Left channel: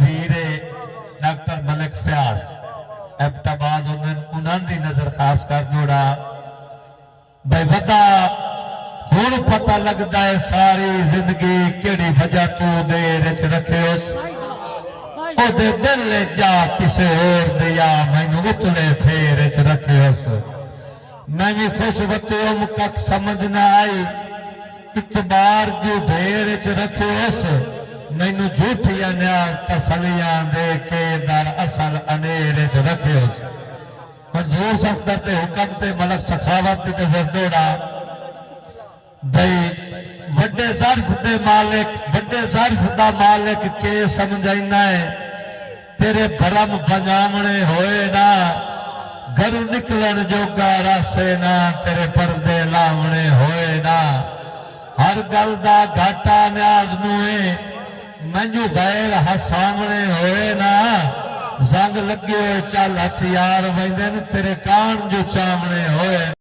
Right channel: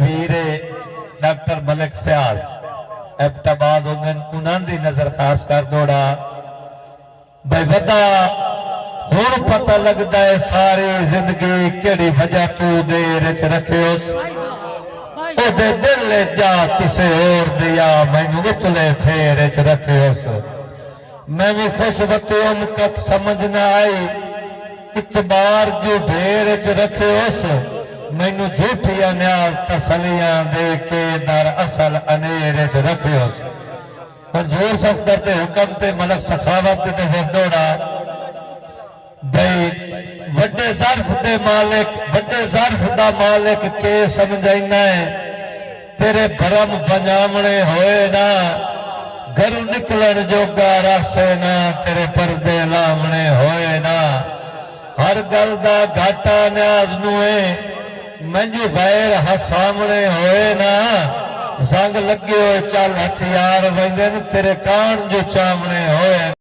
भीरे doctor Malik Fayaz Abbottabad उन्होंने नजर खास कर दौड़ा भाई वदा हुण पता लगता है सारी जिंदगी केड़ी वजह तू देर च रखे ओदे दिल जा किसे और दिया मैनू उतले फेर च रखे मैं भी खुश बतूम कख समझ ना आई इतबार जो ढेर च रखे मैनू झूठिया न्याज तसलियां दे के दर असल अनेर च रखे और जोर सफदर ते हुक्म ते मलक सखावत ते नजर दौड़ा भाई वड्डे ज़र्फ दे मालिक वड्डे ज़र्फ दा मालिक के समझाइना है तेरे भरम बनावणे होए ना घरू निकलन जोगा रासे ना तेरे पर्दे लावणे होए ना हर गल दा घाटा न्याज नुए मैनू गैर हसावणे होए ना जंग लगे होए चल हथियार वेंदे तेरे कान जो चावणे होए।